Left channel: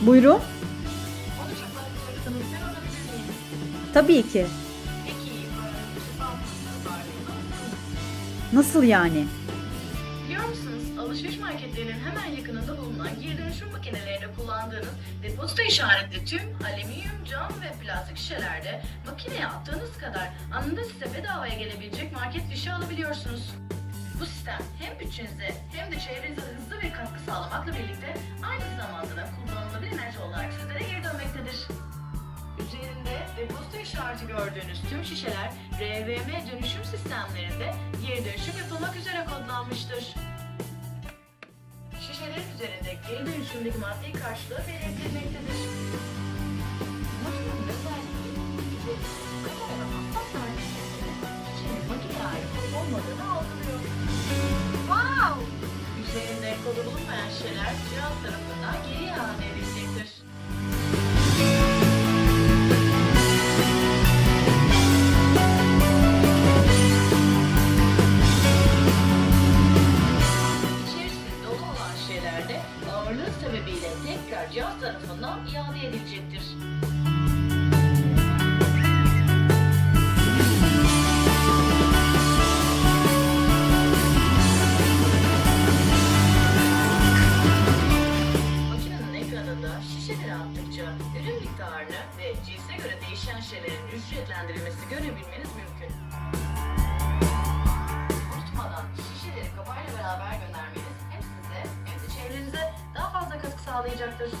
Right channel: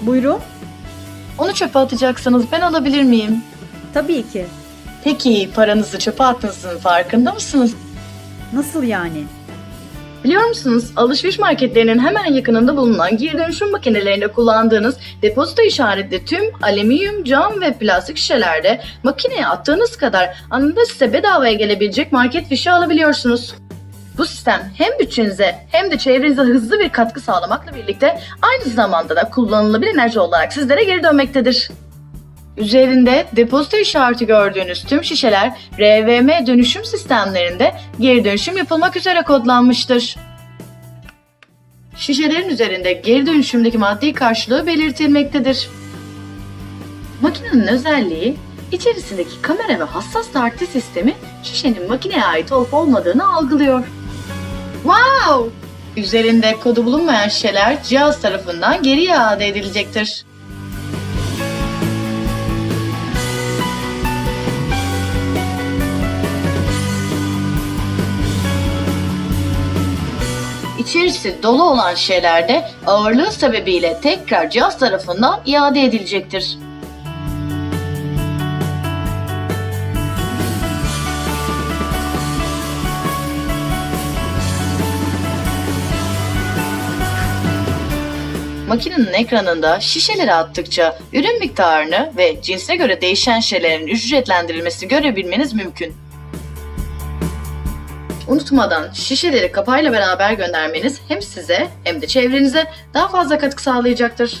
Buyurun. Onu çöpe atacaksınız. Ben alabilir miyim? Tabii ki. Peki paranızı çöpe attığınızın farkında mısınız? Nasıl yani? Biliyor musunuz alışveriş marketlerinin hemen yakınında bulunan geri dönüşüm makinelerinde kullandığınız depozito işaretli tüm alüminyum, cam ve plastik şişelerde makineye attığınız kadar anında size bedavaya gelebilecek market fişi alabiliyorsunuz. Bu sistem hem bütçenize hem de çevrenize hızlı bir katkı sağlamakla birlikte aynı zamanda da kullanılabilir enerji olarak sizlere geri dönmektedir. Üzerinde depozito işareti gördüğünüz tüm şişeler RVM dönüşüm sistemlerinde geri dönüşüm yapılmak üzere kodlanmıştır. Şişelerin üzerinde geri dönüşümdeki maddi karşılığı belirtilmektedir. Makinenin özelliği içerisindeki kamera ve hassas tartı sistemi şişenin makineye ait olup olmadığını algılıyor. Wow! Üzerinde kodu bulunmayan şişeler cihaz tarafından geri iade edilecektir. İçerisi dolu olan şişelerde ağırlığı sebebiyle tekrar cihaz tarafından iade edilecektir. Makinenin ekranında şişeleri attıkça ürün miktarını ve cinsine göre değişen şişelerin ücretlendirilmesini görebilmeniz mümkün. Unutmadan şişeleri kapağıyla beraber göndermeniz hem size hem de çevrenize daha fazla katkı sağlayacaktır.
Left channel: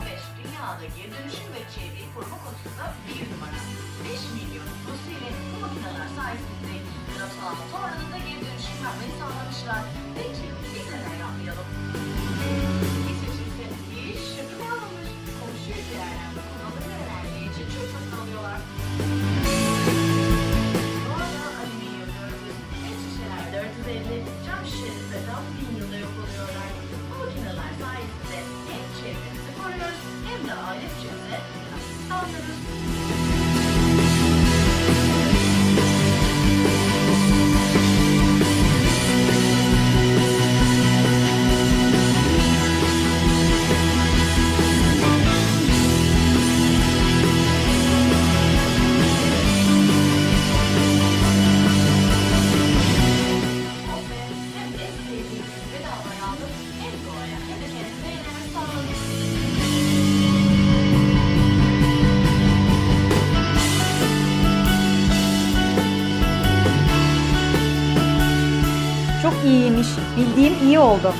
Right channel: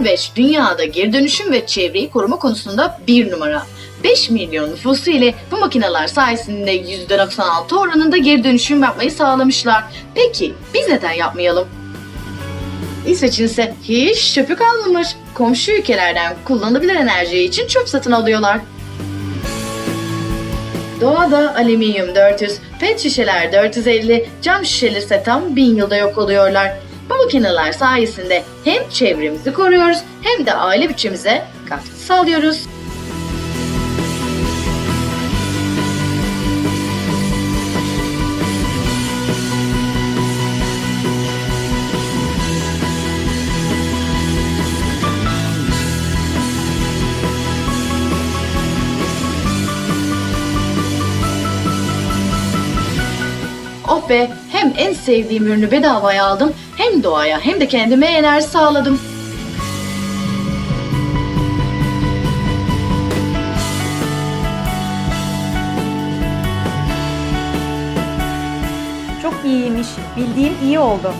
Norveç dünyada geri dönüşüm ve çevreyi koruma konusunda bir numara. 5 milyon nüfusu ile bu makineler sayesinde %96 oranında geri dönüşüm yapmayı sağlamışlar. Peki biz neden yapmayalım? İsveç'in ise hiç çöpü kalmamış. Komşu ülkelerden kullanılabilir enerji için çöp satın alıyorlar. Doğada alüminyum 400, pet şişeler 450, cam şişeler ise tam 1000 yılda yok oluyorlar. Bu makineler sayesinde hem çevremizi koruyoruz hem de aile bütçemize katkı sağlıyoruz. Oh hem en sevdiğim ürünü bedavaya aldım hem doğaya hem de kendime enerji sağladım. Çok iyiymiş. Bildiğim iyi oldu.